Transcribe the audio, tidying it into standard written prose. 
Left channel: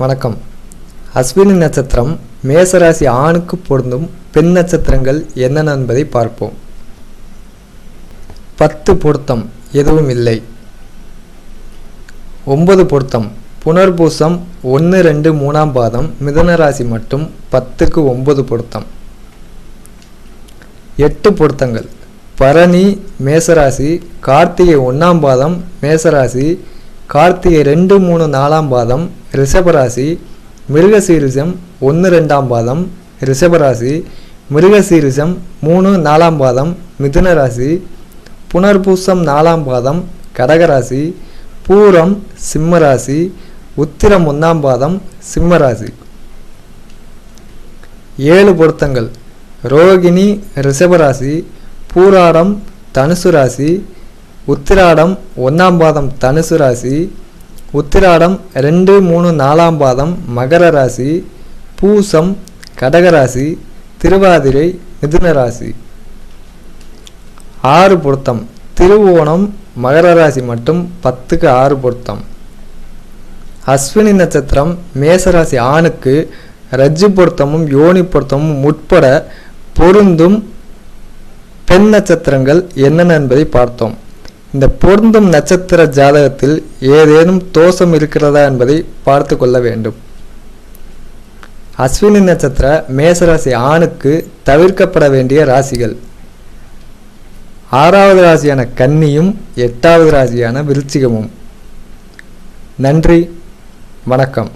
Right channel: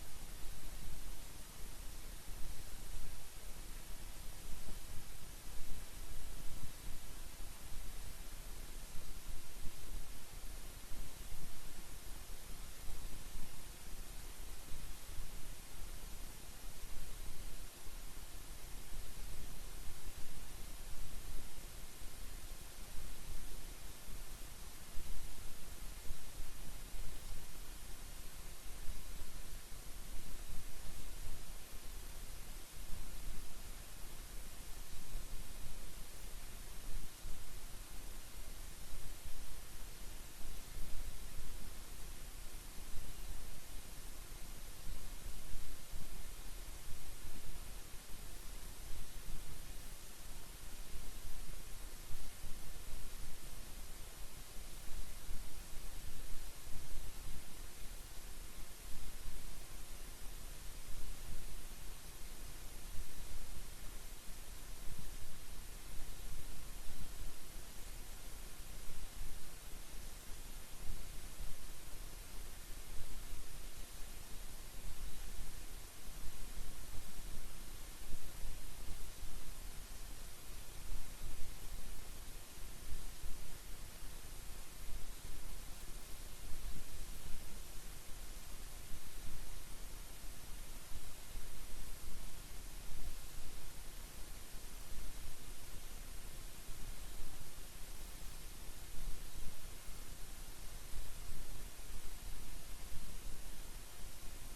வணக்கம். அஸ்வினி நட்சத்திரம் மேசராசி ஆணுக்கு பொருந்தும் பெண் நட்சத்திரங்கள் என்னென்ன என்பதை பார்ப்போம். 10 பொருத்தம் எதுவும் இல்லை. 9 பொருத்தம் புனர்பூசம் 1, 2, 3ஆம் பாதம் மிதுன ராசி மட்டும் 10க்கு 9 பொருத்தம். 8 பொருத்தங்கள் பரணி மேசராசி, கார்த்திகை 1ஆம் பாதம் மேசராசி, கார்த்திகை 2, 3, 4ஆம் பாதம் ரிஷபராசி, மிருகசீரிஷம் 1, 2ஆம் பாதம் ரிஷபராசி, மிருகசீரிஷம் 3, 4ஆம் பாதம் மிதுன ராசி, புனர்பூசம் 4ஆம் பாதம் கடகராசி, பூரம் சிம்மராசி, உத்திரம் 1ஆம் பாதம் சிம்மராசி. 7 பொருத்தங்கள் ரோகிணி ரிஷபராசி, பூராடம் தனுசு ராசி, உத்திராடம் 1ஆம் பாதம் தனுசு ராசி, உத்திராடம் 2, 3, 4ஆம் பாதம் மகர ராசி, பூசம் கடகராசி, திருவாதிரை மிதுன ராசி. 6 பொருத்தம் திருவோணம் மகர ராசி மட்டும் 10க்கு 6 பொருத்தம். அஸ்வினி நட்சத்திரம் மேசராசி ஆணுக்கு ரஜ்ஜு பொருத்தமும் யோனி பொருத்தமும் உட்பட பொருந்தும் பெண் நட்சத்திரங்கள் என்னென்ன என்பதை பார்த்தோம். இந்த பொருந்தும் நட்சத்திர ஜாதகத்தில் ஏதேனும் தோஷம் இருக்கிறதா என்பதை பார்த்து கொள்ள வேண்டும். அஸ்வினி நட்சத்திர மேசராசி ஆணுக்கு தவிர்க்கப்பட வேண்டிய ராசிகள் 6வது ராசியான கன்னியும் 8வது ராசியான விருச்சிகமும். நன்றி, வணக்கம்.